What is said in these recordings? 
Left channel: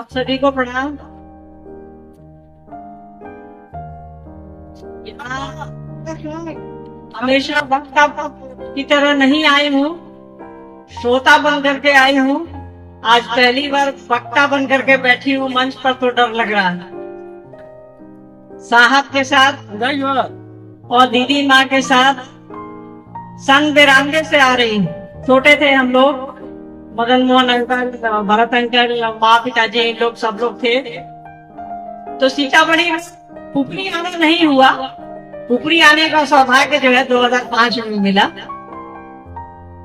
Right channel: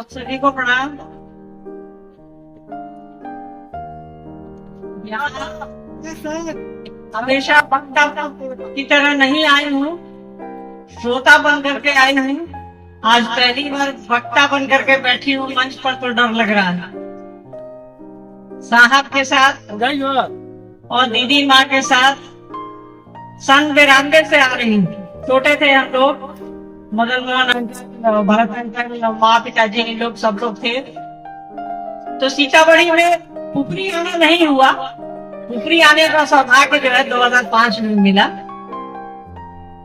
आप सभी को प्रणाम। यहाँ हमेशा वक्ता की तरह नहीं आई हूँ, श्रोता बन करके आई हूँ। आज पहली बार वक्ता बन करके बैठी हूँ मंच पर, तो डर लग रहा है। साहब के साथ और दीदी माँ के साथ संग बिरांगे से आ रही हूँ। छोटे थे हम लोग, मदन मोहन अंकल, भरत अंकल, माँ पिताजी लोग सब लोग थे। तो सीतामढ़ी में पुपरी आना नहीं हुआ। पुपरी आने का सौभाग्य जो है 2005 में मिला,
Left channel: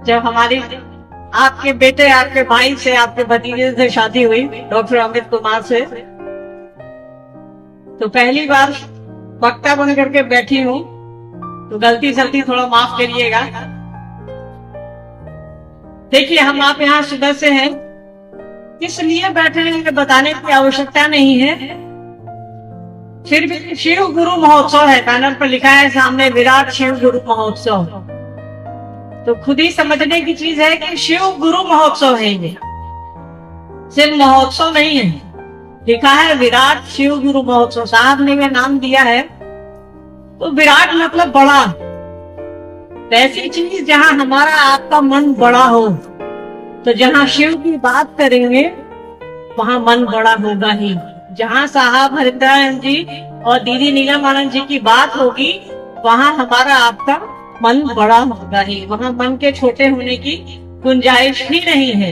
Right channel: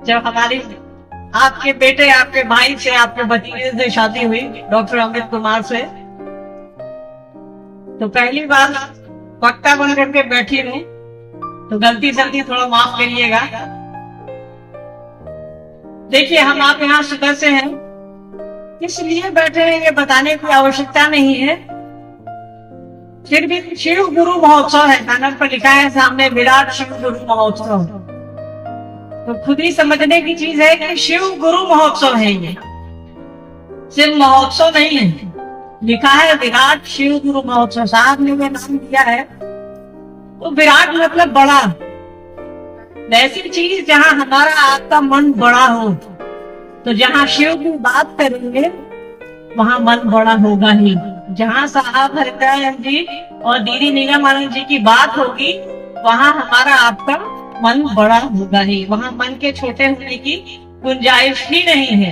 जब हमारी आपके बेटे, आपके भाई से, आपके भतीजे से शादी हुई, डॉक्टर अमित कुमार से। तो पहली बार वक्ता बन करके बैठी हूँ, तो गलती सलती थोड़ा माफ करिएगा। देखिए, हम आप यहाँ सुबह से हैं, इसलिए बैठे हैं ये बताने की आवश्यकता नहीं है। फिर भी शिव गुरु महोत्सव है, बैनर पर लिखा है सामने विराट शिव गुरु महोत्सव। तो खुद ही समझने की चीज है कि शिव गुरु महोत्सव है, ये सिर्फ महोत्सव नहीं है। लिखा है विराट शिव गुरु महोत्सव, साहब ने ये नाम दिया है। तो विराट मतलब बड़ा, वैसी चीज जहां हमारा आपका मन बड़ा हो। तो जहां शिव की बात करेंगे वहां मन बड़ा होगा ही। जहां साहब हरिद्रायन जी और दीदी नीलम आनंद जी की बात होगी, वहां हमारा आपका मन बड़ा होगा ही। वहां मन के छोटे होने की गुंजाइश ही नहीं है।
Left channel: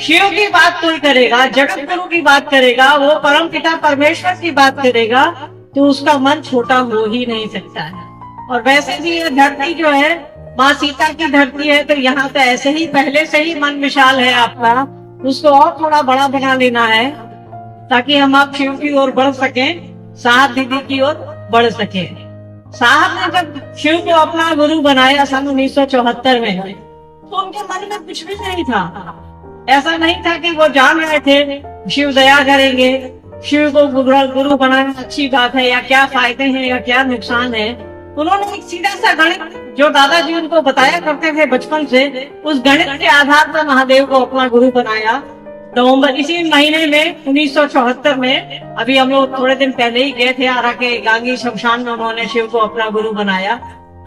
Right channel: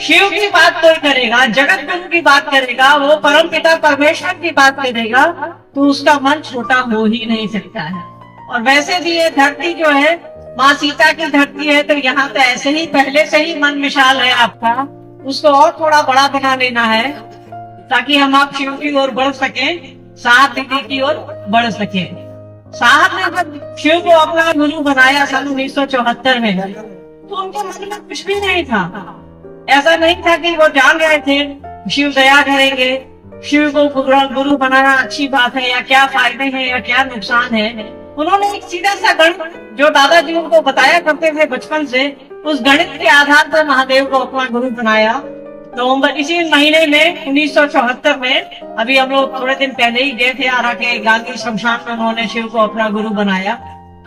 शिव की बात कोई करेगा, जगत गुरु की बात करेगा, वो परम पिता परमेश्वर की बात करेगा, तो उसका मन छोटा हो ही नहीं सकता है। और वैसे भी ये धरती जो है माँ सीता की धरती है, तो यहाँ पे ऐसे ही पहले से ही मन विशाल है आपका, उसको और थोड़ा बड़ा बना लेना है, ताकि हम आप शिव की ओर बढ़ सके, साहब दीदी की ओर बढ़ सके। साहब ने जब शिव को अपना गुरु बनाया सन 1974 में, तो उनके मन में कुछ भी नहीं था। ऐसा नहीं था कि वो जान गए थे शिव दया करेंगे, शिव को गुरु बनाना अच्छी बात है, या क्या फायदे हैं या क्या नुकसान है। उन्होंने एक सीधा सा गणित जो दादाजी उनको बताया करते थे बचपन से, उस गणित के आधार पर महादेव को अपना गुरु बनाया। नवंबर इसी महीने में 1974 में, अभी हम लोग थोड़े दिन पहले ही गए थे आरा के गांगी शमशान में, उन्होंने शिव को अपना गुरु बनाया।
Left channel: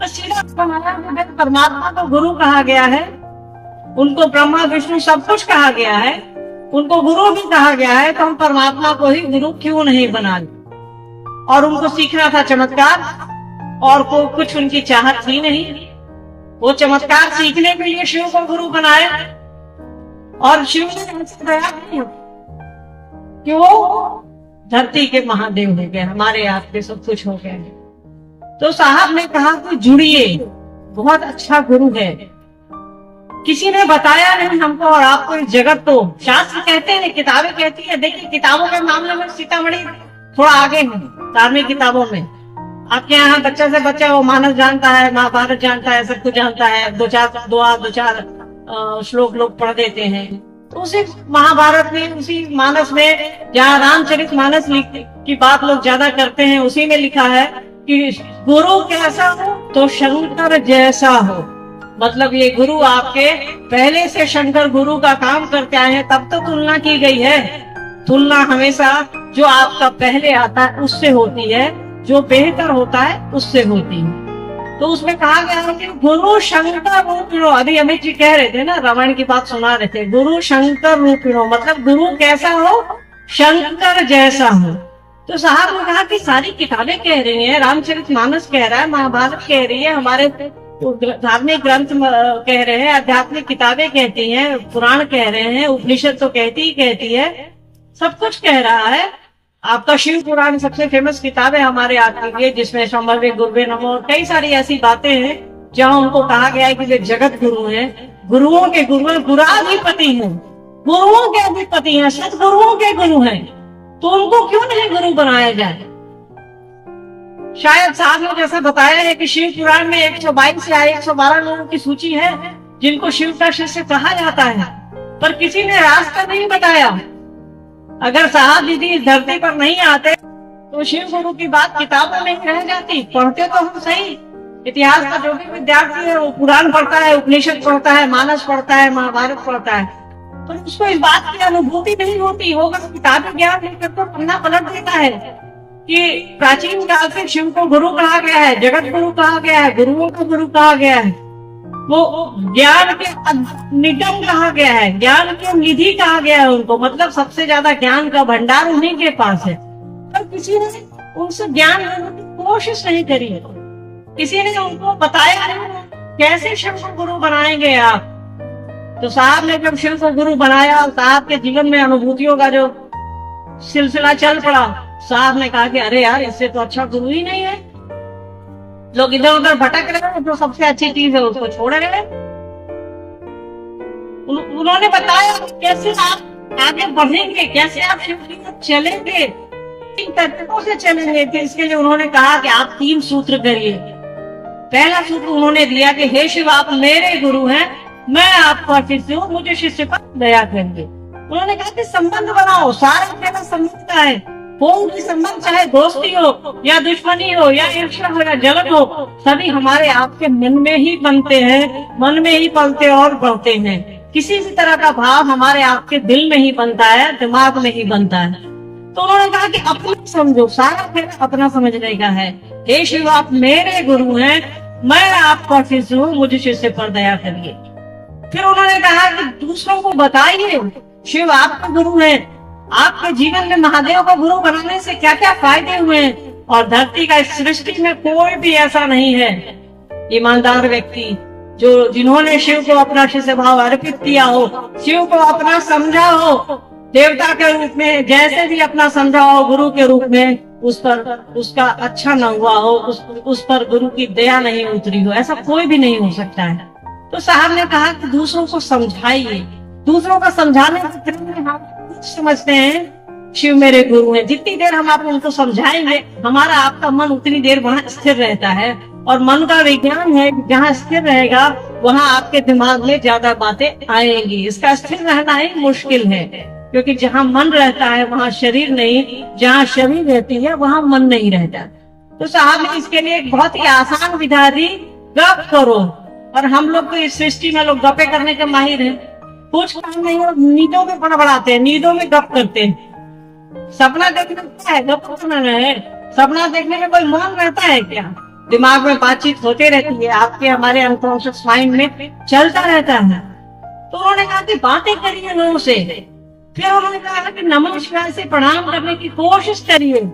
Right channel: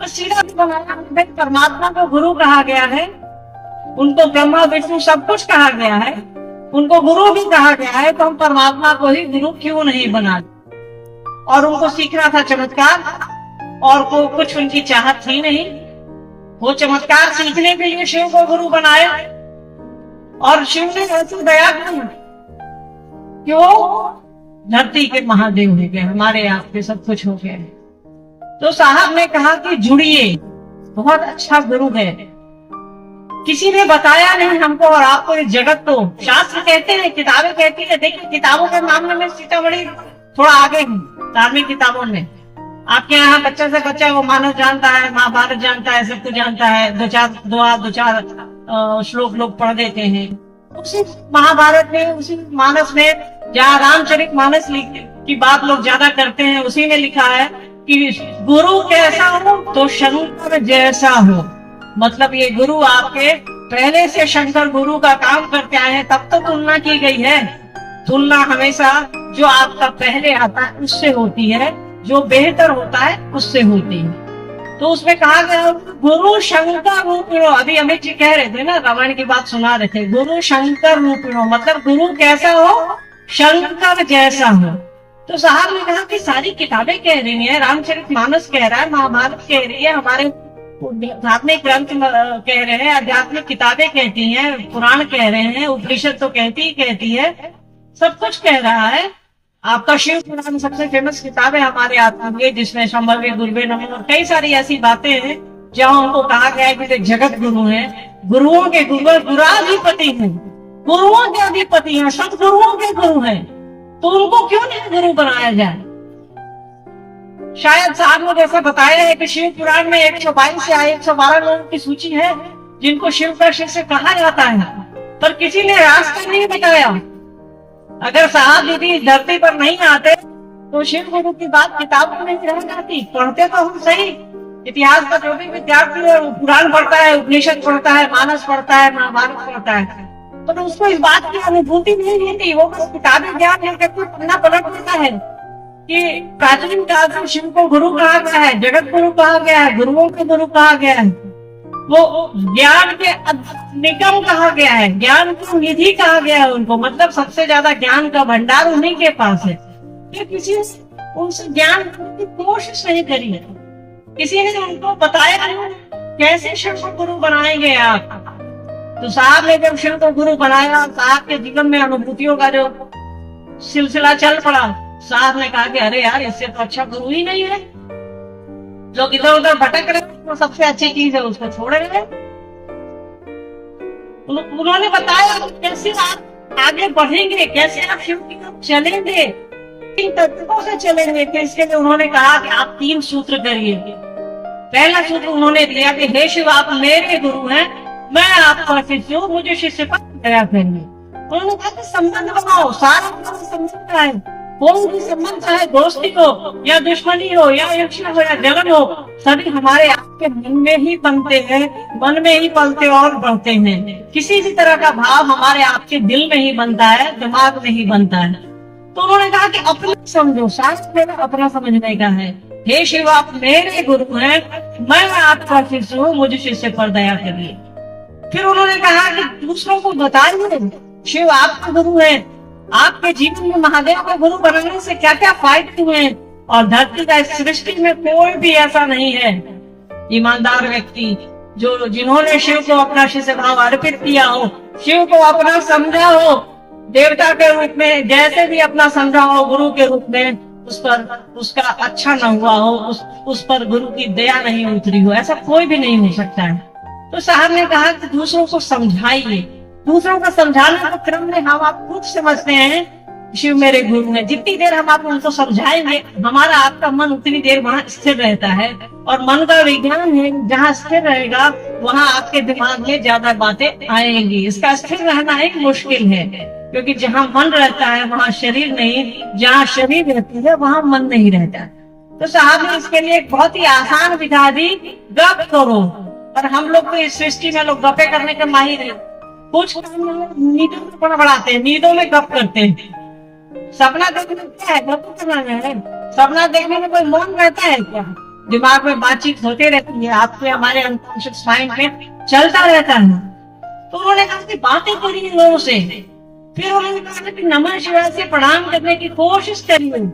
तो सीधा परमात्मा को गुरु कहा गया है, उनको ब्रह्मा विष्णु सब कुछ कहा गया है, उनको गुरु भी कहा गया है। तो हम परमात्मा को ही गुरु क्यों नहीं बनाए। और उनको सीखना था चमत्कार, और को कुछ उनकी चाहत थी नहीं। वो चमत्कार सीखने के लिए शिव को गुरु बनाया। और शिव ने ऐसी दया की, क्यों? धरती के महादेव हो गए, हमारे आपके सब कुछ हो गए। तो साहब ने कहा कि जुड़िए, बहुत अच्छा गुरु है। किसी ने बताया नहीं हमको और आपको। इस जगत तो शास्त्र कहते हैं, किताबें कहती है। देखिए, किताबों के मामले में सीतामढ़ी थोड़ा आगे है धार्मिक किताबों में। आपके यहाँ बच्चे से बच्चा वो मानस जानता है, महाभारत जानता है, सब कुछ जानता है। दो चार श्लोक लोग पढ़ देते हैं। तो उसी महाभारत में, उसी मानस में, जहाँ रामचरित मानस की बात लोग ज्यादा करते हैं, उसी में लिखा है कि गुरु कैसा हो तो शंकर जैसा हो। मतलब ये गुरु आपके पहले से शंकर गुरु का काम करते आए हैं, तब तो तुलना की गई है। तुलना हमेशा जो आपका पहले आता है उससे होती है, जो बेहतर होता है उससे होती है। तो उसमें कहा गया कि गुरु शंकर रूपिणो। अभी अमित जी कह रहे थे ना, रामायण की बात सुना रहे थे, गुरु शंकर रूपिणो, मतलब गुरु कैसा हो? शंकर जैसा हो। तो साहब ने कहा कि सारी किताबें कह रही हैं, रामचरित मानस कह रहा है, महाभारत कह रही है, हमारे धार्मिक ग्रंथ कह रहे हैं, आध्यात्मिक किताबें कहती हैं, पुराण कह रहे हैं, उपनिषद तो कहती है, सब कुछ कह रहा है। आपका शिव पुराण सबसे फेमस किताब है हमारे आपके लिए, जिसमें संभवे गुरुवे नमो और कई सारी ऐसी बातें हैं जहां उनको कहा गया है कि वे जगत गुरु हैं, गुरुओं के गुरु, गुराधिपति हैं, गुरुओं के अधिपति हैं, सदगुरुओं के गुरु हैं। तो उनको क्यों नहीं गुरु बनाया जाए? शायद साहब ने जैसा बताया है कि शिव पुराण में 122 या 112 लोगों की सूची है जिनको शिव का शिष्य कहा जाता है, पर किसी ने रास्ता नहीं बताया। अगर साहब दीदी इस धरती पर नहीं आते तो शिव गुरु की बात किताबों में ही रह जाती। पढ़ते तो हम सही, इतिहास का जो भी विद्यार्थी है वो पुराण पढ़ता है, उपनिषद पढ़ता है, मानस पढ़ता है, महाभारत पढ़ता है, पर उसको इस बात की अनुभूति नहीं होती। वो बस किताबी ज्ञान लेकर तो पन्ना पलट देता है कि प्राचीन काल से शिव को गुरु कहा गया है, जगत गुरु कहा गया है, गुरुओं को गुरु कहा गया है, वो ज्ञान के निगम कहा गया है, ज्ञान की निधि कहा गया है उनको। मतलब सबसे ज्यादा ज्ञान का भंडार उन्हीं के पास है। पर किसी ने उनसे ज्ञान लेने की कोशिश नहीं करी है, किसी ने उनको बताया नहीं कैसे शिव को गुरु बनाएंगे आप। तो साहब ने जब शिव को गुरु बनाया, साहब के जीवन में अनुभूतियों का जो सिलसिला चल पड़ा, साहब ने कहा कि अरे यार, इससे तो अच्छा गुरु ही नहीं है। लोग इधर उधर भटक रहे हैं, तो सबसे अच्छी चीज है उसको छोड़ रहे हैं। उन्होंने बताया कैसे आप आगे बढ़ेंगे, कैसे आप शिव की ओर चलेंगे, किन तरीकों से चलेंगे। कि इसके लिए उन्होंने कहा कि आप 3 सूत्र करिए। पहला सूत्र उन्होंने दिया कि हे शिव, आप मेरे गुरु हैं, मैं आपका शिष्य हूँ, मुझे शिष्य पर दया करिए। उन्होंने कहा कि संबंध बनाओ, सारा खेल संबंध का है। कोई भी संबंध, चाहे दोस्ती हो या दुश्मनी हो या ईर्ष्या हो या जलन हो, सभी हमारे आपके मन में ही बनते हैं, मन में ही पलते और बढ़ते हैं। किसी भी तरह का भाव हमारे आपके दिल में ही बनता है, दिमाग में ही बनता है। तो उन्होंने कहा कि अपना समझो, सारा खेल अपना समझने का है। हे शिव, आप मेरे गुरु हैं, मैं आपका शिष्य हूँ, मुझे शिष्य पर दया करिए। फिर उन्होंने कहा कि दूसरों को बताइए शिव आपका गुरु है, आपके जीवन में महादेव का गुरु बनाने से क्या क्या फायदे हुए, और धरती का इस सृष्टि में कोई भी ऐसा नहीं है ईमानदार व्यक्ति जो जिन्होंने शिव को अपना शिष्य भाव अर्पित किया हो, शिव को अपना समझा हो, देवता के रूप में जैसे भी अपना समझा हो, गुरु के रूप में उस पर उसका अच्छा न हुआ हो, उस पर गुरु की दया नहीं उतरी हो, ऐसा कोई भी नहीं हो सकता है। तो साहब ने कहा कि दूसरों को समझाइए। दूसरों को समझाने के क्रम में हम आप खुद समझते हैं शिव मेरे गुरु हैं। जितनी देर हम आप उनको समझाएंगे, हमारा आपका मन उतनी देर वहाँ स्थिर रहता है। और मन का विज्ञान है, जहाँ स्थिर रहेगा वहाँ आपके दिमाग में ज्यादा बातें आएंगी। इसका स्थिर रहना ही मुश्किल है, क्योंकि जहाँ मन रहता है वहाँ शरीर नहीं, जहाँ शरीर रहती है वहाँ मन नहीं रहता। तो साहब ने इसके लिए एक बहुत ही आसान विधा दी, गप करो। और हम लोग तो इस सृष्टि में लोग गपे करने के माहिर हैं, कुछ काम नहीं हो, नींदों में बड़बड़ाते हैं, नींदों में गप करते हैं। सपना देखना क्या है, गप करना है। सपना देखने में कोई मौन रहता है क्या? दिमाग में बातचीत होते रहती है, आपके हमारे अनकॉन्शियस माइंड में चलता रहता है। तो उन्होंने कहा कि बातें करिए लोगों से। फिर उन्होंने कहा कि नमः शिवाय से प्रणाम करने की कोशिश करिए।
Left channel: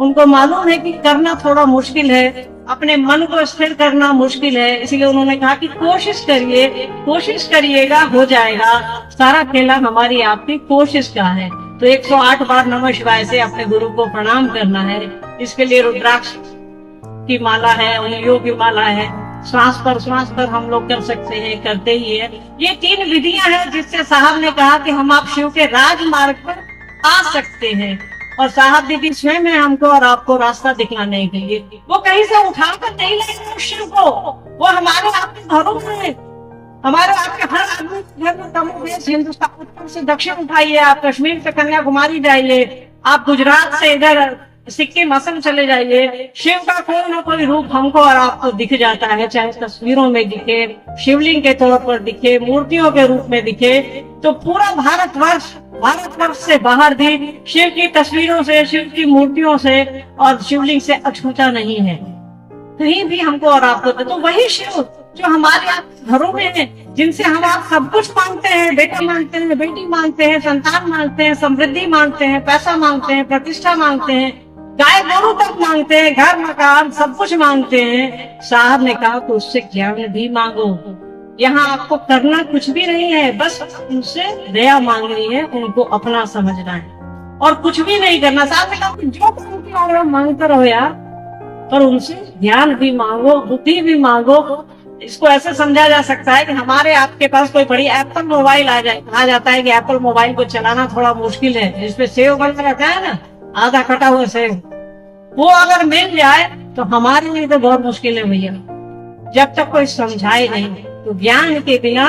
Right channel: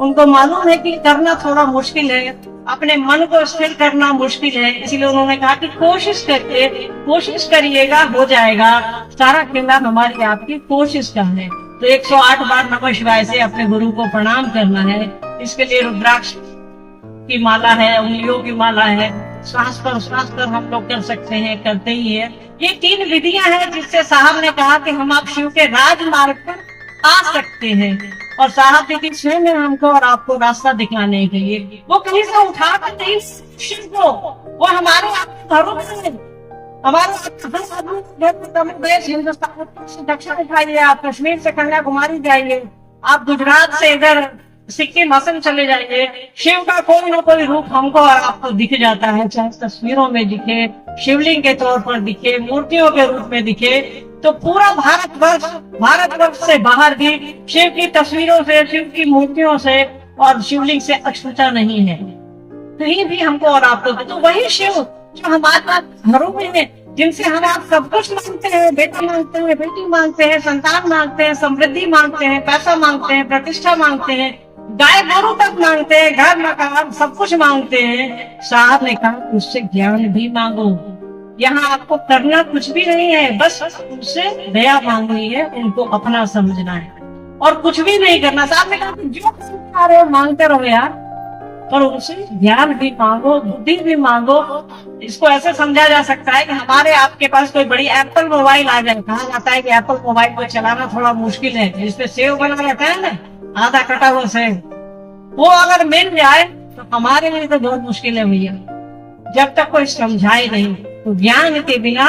उनको मालूम है कि करना थोड़ा मुश्किल है, अपने मन को स्थिर करना मुश्किल है, इसलिए उन्होंने कहा कि कोशिश करिए, कोशिश करिएगा, हो जाएगा। सारा खेला हमारी आपकी कोशिश का है। तो 108 बार नमः शिवाय से अपने गुरु को प्रणाम करना है। इसके लिए रुद्राक्ष की माला है, उंगलियों की माला है, श्वास पर हम लोग कर सकते हैं, करते ही है। ये 3 विधियां हैं जिससे साहब ने कहा कि हम आप शिव के राजमार्ग पर आ सकते हैं। और साहब दीदी स्वयं है हमको और आपको रास्ता दिखाने के लिए। वो कहीं से उठा कर नहीं लाएंगे शिव को, वो हमारे आपके घरों में है। हमारे आपके हर आदमी घर में कम बेश हिंदुस्तान से दक्षिण उठाइए, आप कश्मीर से कन्याकुमारी जाइए, आप गुजरात से इधर सिक्किम असम चले जाइए, शिव का कोई न कोई रूप हमको और आपको दिख जाता है। चाहे तस्वीरों में दिखे, शिवलिंग के तौर पर दिखे, मूर्तियों के रूप में दिखे। तो पूरा भारतवर्ष से बाहर भी शिव की तस्वीरों से, शिव की मूर्तियों से और शिवलिंग से अछूता नहीं है कहीं भी हमको और आपको। तो वही शिव जो हमारे आप घरों में है, जिनसे हम आप सब कुछ मांगते हैं, बेटा मांगते हैं, बेटी मांगते हैं, संतान मांगते हैं, समृद्धि मांगते हैं, पैसा मांगते हैं, प्रतिष्ठा मांगते हैं, गाय गोरू तक मांगते हैं, घर मकान सब कुछ मांगते हैं। साहब ने कहा तो उससे ज्ञान भी मांगो। यहाँ आपको करना कुछ भी नहीं है, बस उनसे दया मांगनी है, उनको अपना समझना है और कुछ भी नहीं करना। साहब ने कहा कि जो मांगते आ रहे हो मांगते रहो यार, पर उनसे ज्ञान भी मांगो, बुद्धि भी मांगो। इसको ऐसे समझा जा सकता है कि हमारे आपके पास कोई बड़ी एप्पल मोबाइल आ जाए। कहा जाता है कि एप्पल मोबाइल को चलाना थोड़ा मुश्किल है, इसपे सेव बना रहता है ना, आधा कटा हुआ सेव, वो अगर मिल जाए तो हमारे लिए तो बहुत मुश्किल है भैया। जब तक कोई समझाए नहीं तो ज्ञान के बिना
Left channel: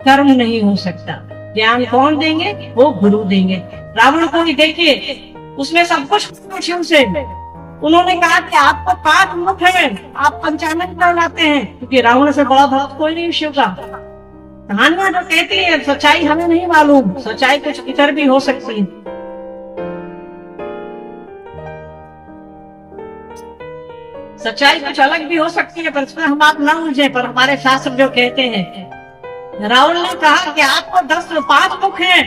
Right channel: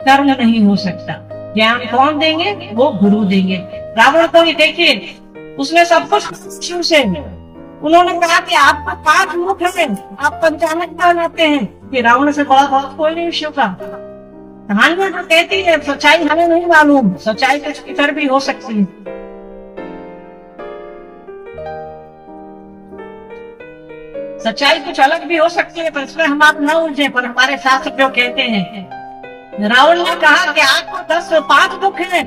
कर्म नहीं हो सकता। ज्ञान कौन देंगे? वो गुरु देंगे। रावण को ही देखिए, उसने सब कुछ शिव से। उन्होंने कहा कि आपको 5 मुख है, आप पंचानन कहलाते हैं, क्योंकि रावण से बड़ा भक्त कोई नहीं शिव का। कहानियां जो कहती है सच्चाई हमें नहीं मालूम, सच्चाई कुछ इतर भी हो सकती है। सच्चाई कुछ अलग भी हो सकती है, पर इसमें हम आप न उलझे। पर हमारे शास्त्र जो कहते हैं, रावण ने कहा कि आपको 5 मुख हैं,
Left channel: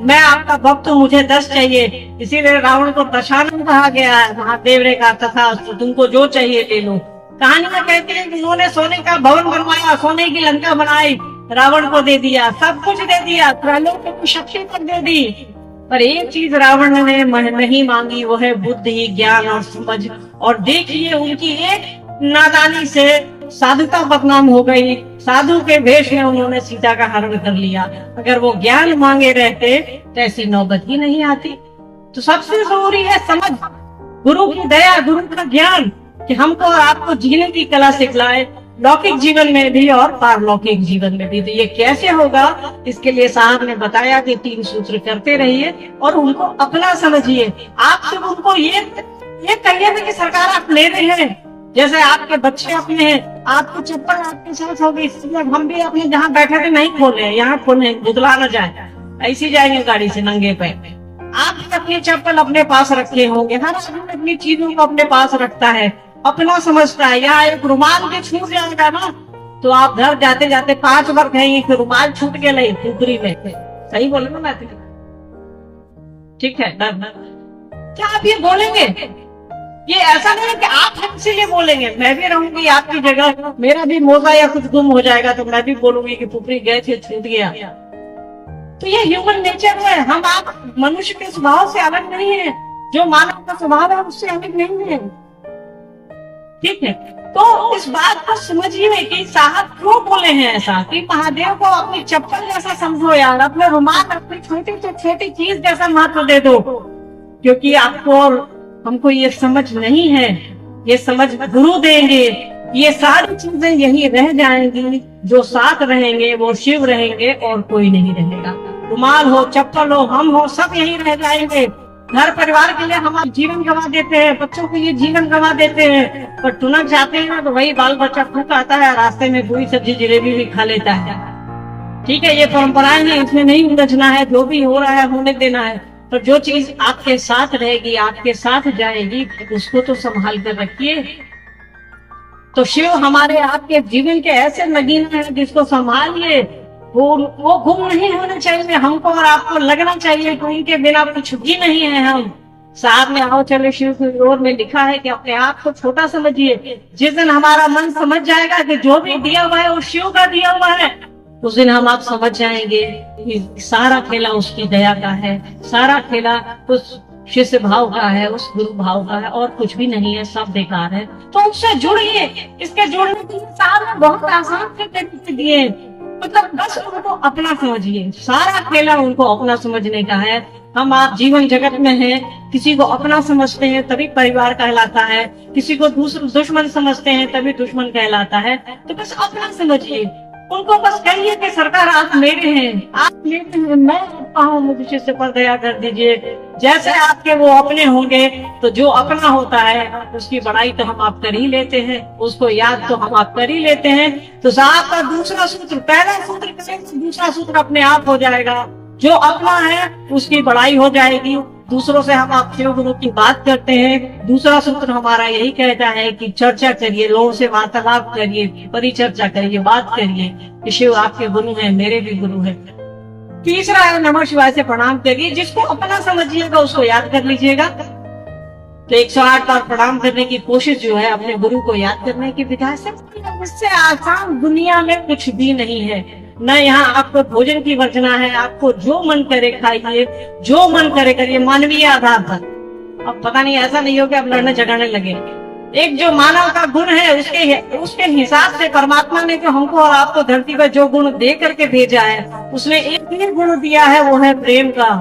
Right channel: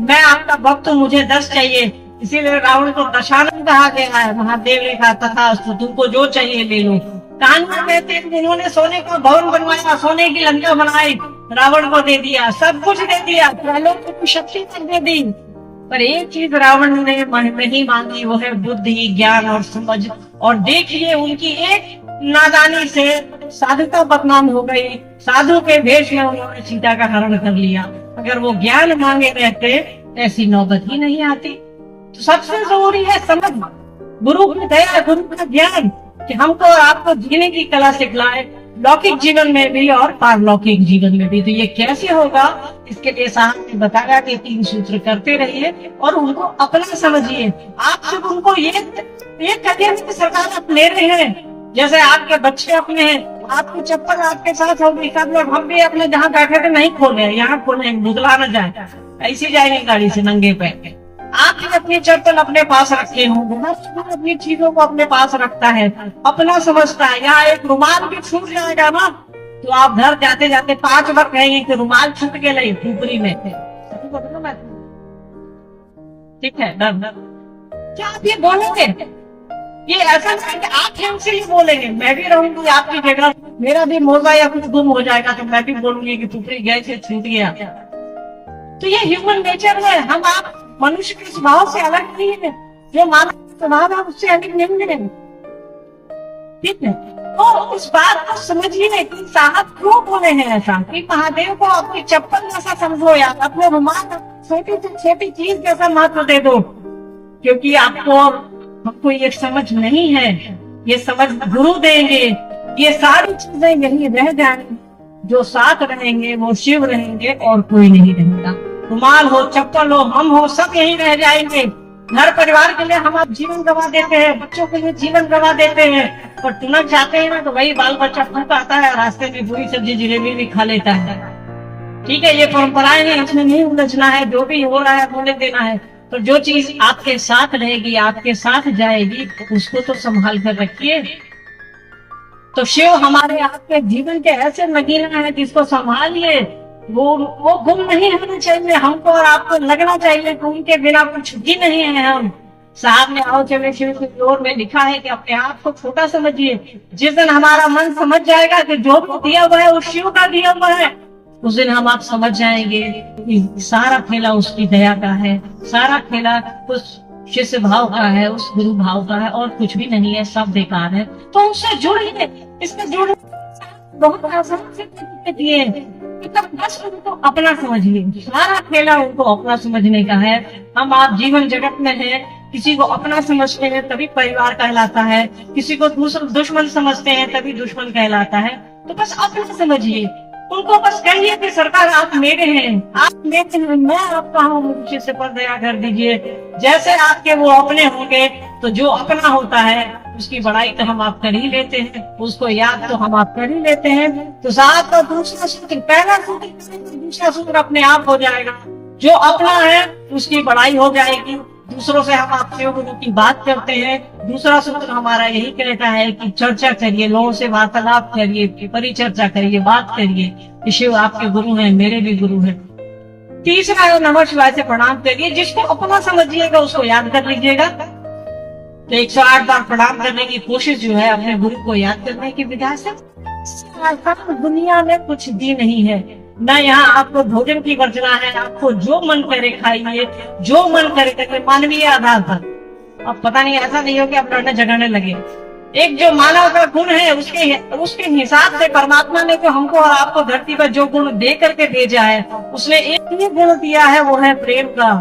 मैं आपका भक्त हूँ, मुझे 10 चाहिए। इसीलिए रावण को दशानन कहा गया है। महादेव ने कहा तथास्तु, तुमको जो चाहिए ले लो। कहानियां कहते हैं कि उन्होंने सोने का भवन बनवाया, सोने की लंका बनाई, रावण को दे दिया, सब कुछ दे दिया, त्रैलोक की शक्ति तक दे दी। पर एक चीज रावण ने नहीं मांगी, वो है बुद्धि, ज्ञान और समझ। और देखिए उनकी एक नादानी से साधुता बदनाम हो गई। साधु के वेश में उन्होंने सीता का हरण कर लिया। अगर वो ज्ञान मांगे रहते तो ऐसी नौबत ही नहीं आती। तो सबसे जरूरी है समझ, गुरु की दया, गुरु का ज्ञान, कि हमको और आपको जीने की कला सिखलाए, लौकिक जीवन में भी और पारलौकिक जीवन में भी। तो ये कैसे होगा, इसके लिए साहब ने बताया कि 3 सूत्र करते रहिए और उनको अपना समझिए। आप सिर्फ उनको ये कहिए ना कि सरकार आप ले रहे हैं, जैसे आपके बच्चे अपने हैं, आपकी चप्पल आपके साथ होगी, सब लोग, हम भी अपने जहाँ बैठे थे नहीं खोले, यहाँ खोले, बुतला न जाए, ऐसी जाएंगे गाड़ी से नंगे पैर। आप अपनी चप्पल अपने पास रखे होंगे। हर आदमी अपनी चीजों को अपने पास रखता है, अपना समझता है। यहाँ एक रुमाल भी छूट जाएगा ना, तो आप घर जाते जाते 5 बार कहेंगे कि रुमाल छूट के नहीं ऊपरी में। सही बोले ना मैं? ठीक है, क्या आप ये बोलेंगे? ये ऐसा नहीं कि आप हमसे ये बोलेंगे। मैं भी रहूंगी आपकी जगह, मेरा भी मोजा या कुछ गुम हो जाएगा तो मैं भी बोलूंगी कि ऊपरी गए थे, छूट गया। तो ये ह्यूमन नेचर है। हम आप मनुष्य के स्वभाव से अलग नहीं है, जो मानव का स्वभाव है उससे अलग नहीं है। ठीक है, तो इस बात को समझिए कि साहब क्यों बोले हैं ऐसा, कि महादेव को अपनी चप्पल जैसा समझो यार, अपना रुमाल अपनी छोटी से छोटी चीज जैसा महत्व दे दो। क्योंकि आपको हमको ये समझ नहीं है, ये समझ गुरु देंगे। ये सारी चीजें यही रह जाएंगी, जो साथ रहेंगे वो शिव रहेंगे और कोई नहीं रहेगा। रुमाल हो, चप्पल हो, हम हो, सब यही रह जाएंगे। घर परिवार के लिए हम आप जीवन गंवा देते हैं, बच्चों के लिए जीवन गंवा देते हैं, पर टुनक जाते हैं ना तो वही बाल बच्चा फूक आता है, रास्ते में पूरी सब्जी जलेबी भी खा लेता है। ठीक है, ये परंपराएं हैं, इसमें नहीं उलझना है, जो भी हो रहा है होने देना है। पर जो चीज आपके साथ रहेगी, आपके साथ जाएगी, उसको तो संभाल कर रखिए। तो शिव हमारे आपके जीवन के ऐसे नगीना है जिसको संभालिए। वो गुम नहीं होना चाहिए, हमको और आपको लगना चाहिए कि उनके बिना कुछ भी नहीं है हम। साहब में आओ चले शिव की ओर में लिखा है कि अपने आप को छोटा समझिए। जिस दिन हमारा मन समझ जाएगा कि जो भी दिया हुआ है वो शिव का दिया हुआ है, उस दिन हम आप समझ जाएंगे कि सारा खेला उसकी दया का है, सारा खेला उस शिष्य भाव का है, उस गुरु भाव का है, और कुछ भी नहीं है, सब बेकार है। तो उससे जुड़िए। इसके जुड़ने के लिए साहब ने बहुत आसान से तरीके दिए, मतलब बस उनको अपना समझिए। सारा खेला उनको अपना समझने का है। हम आप जीवन जगत में हैं, किसी को अपना समझते हैं तभी परिवार कहलाता है, किसी को दुश्मन समझते हैं तभी दुश्मन कहलाता है। तो बस अपना समझिए, उनको बस कहिए कि सरकार आप मेरे हैं, आप मेरे हैं, मैं आपका हूँ, मुझे से पर दया कर दीजिए। जैसे आपके वो अपने होंगे, तो जो अपना होता है उसकी बड़ाई तो हम आप कर ही लेते हैं, उसको याद तो हम आप कर ही लेते हैं। तो साहब का दूसरा सूत्र, पहला सूत्र करेंगे, दूसरा सूत्र अपने आप हो जाएगा। जो अपना है उसकी बड़ाई हो जाएगी। दूसरों से हम आप शिव गुरु की बात करते हैं। दूसरा सूत्र हमारा यही कहता है कि चर्चा करिए, लोगों से वार्तालाप करिए, परिचर्चा करिए, बात करिए कि शिव आपके गुरु हैं, मेरे भी गुरु हैं। तीसरा है नमः शिवाय से प्रणाम करिए। जिसको अपना समझिएगा उसको याद कर लीजिएगा। तो 108 बार प्रणाम करने की कोशिश जो है अपने गुरु को याद करने की विधा से, इससे आसान दुनिया में कुछ भी नहीं है। न यहाँ आपको भोजन की वर्जना है, आपको जो मन करे खाइए, जो मन करे करिए, मानवीय आधार पर। अब पता नहीं ऐसा नहीं हो कि आप लड़ने झगड़ने लगे। एक जो मानव का गुण है उसके हिसाब से परमात्मा ने जो हमको और आपको धरती पर जो गुण दे करके भेजा है, उसने एक ही गुण दिया है, वो है प्रेम का।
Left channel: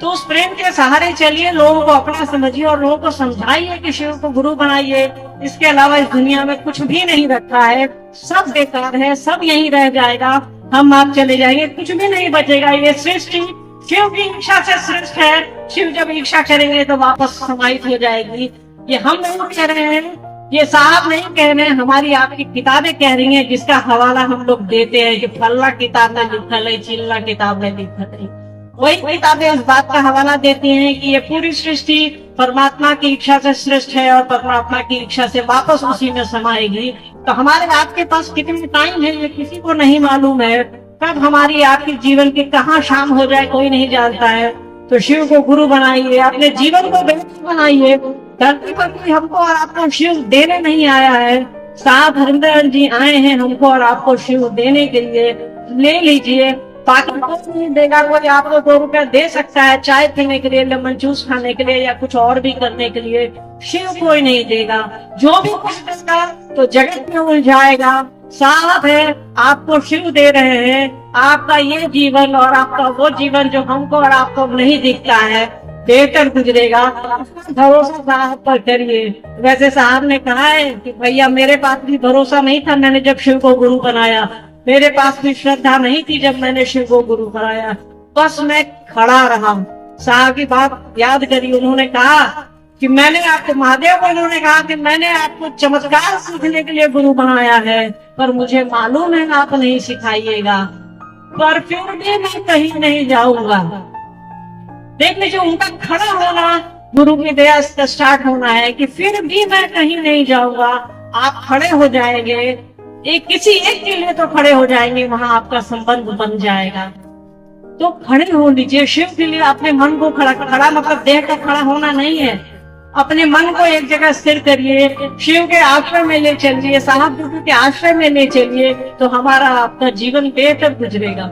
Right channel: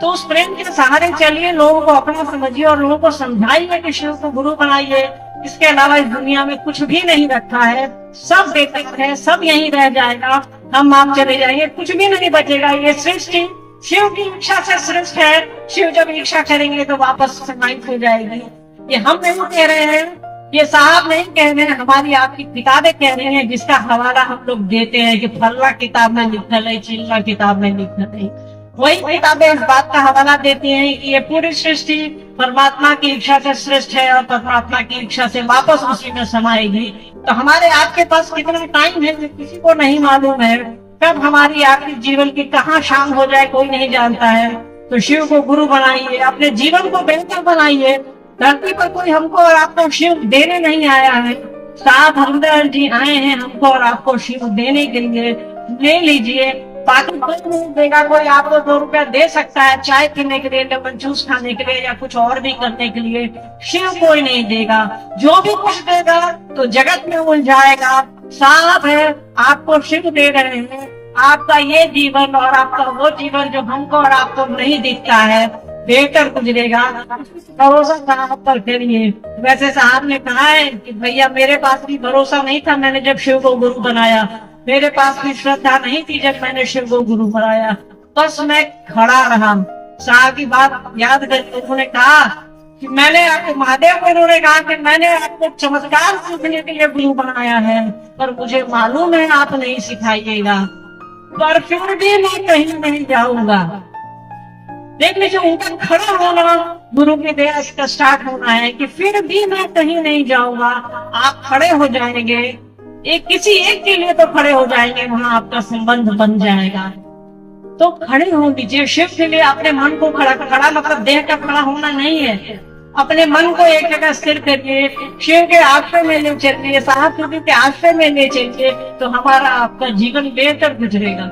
तो उस प्रेम के सहारे चलिए, लोगों को अपना समझिए और लोगों को समझाइए कि शिव को गुरु बनाइए। इसके अलावा इस दुनिया में कुछ भी नहीं रखा है, सब बेकार है, सब यहीं रह जाएगा, हम आप चले जाएंगे, कुछ भी नहीं बचेगा। ये सृष्टि शिव की इच्छा से श्रेष्ठ है। शिव जब इच्छा करेंगे तो वापस समाहित हो जाएगी। ये हम नहीं कह रहे हैं, ये साहब नहीं कह रहे हैं, हमारी आपकी किताबें कह रही हैं, जिसका हवाला हम लोग देते हैं कि फल्ला किताब में लिखल है, चिल्ला किताब में लिखल है। वही किताबें इस बात का हवाला देती हैं कि ये पूरी सृष्टि परमात्मा की इच्छा से श्रेष्ठ है और परमात्मा की इच्छा से वापस उसी में समाएगी। तो हमारे आपके पास कितना टाइम है ये किसी को नहीं मालूम है। कब हमारी आपके जीवन की कहाँ शाम हो जाए कोई नहीं जानता है। तो शिव को गुरु बनाइए, अपने जीवन को बेहतर बनाइए। धरती पर कोई हमको और आपको शिव देने नहीं आया है। साथ हरिंदर जी आए हैं हमको और आपको शिव देने के लिए। ले लीजिए, बाकी कोई नहीं देगा। कोई आपको 2 रुपया दे सकता है चाय पीने के लिए, लेमन जूस खाने के लिए या कुछ और भी करने के लिए। शिव कोई नहीं देगा। जो भी कुछ देगा तो जगत में उलझाएगा। साफ है आपको शिव दे रहे हैं। आपका ये जीवन और आपका वो जीवन जो हमको और आपको नहीं दिखता है बेहतर गुजरेगा। भरोसा साहब पर करिए। वैसे साहब ने कहा है कि भैया मेरे पास भी भरोसा नहीं था मैंने जब शिव को गुरु बनाया, मेरे पास भी श्रद्धा नहीं थी जब मैंने शिव को गुरु बनाया, बस मैं खड़ा रहा। साहब की बात याद करी, उन्होंने कहा कि मैंने आपको महादेव को उन्होंने कहा कि मैंने आपको चमत्कार सीखने के लिए गुरु बनाया है, पर मुझे मालूम है आप नहीं सिखाइएगा, पर फिर भी मैं कहीं नहीं जाऊंगा। देख लीजिए उनका खड़ा होना गुरु की दया से स्टार्ट होना है कि फिर भी मैं कहीं नहीं जाऊंगा। आप खड़े हो जाएंगे, एक किसी एक के लिए तो खड़े हो जाएंगे, वहां आपका संबंध बन जाएगा। तो खड़े हो लीजिए शिव के लिए। अपने मन को खड़ा मतलब देह का खड़ा होना नहीं है। अपने मन को एक जगह स्थिर करिए, शिव के आश्रय में ले चलिए, साहब गुरु के आश्रय में ले चलिए, तो हमारा आपका जीवन बेहतर गुजरेगा।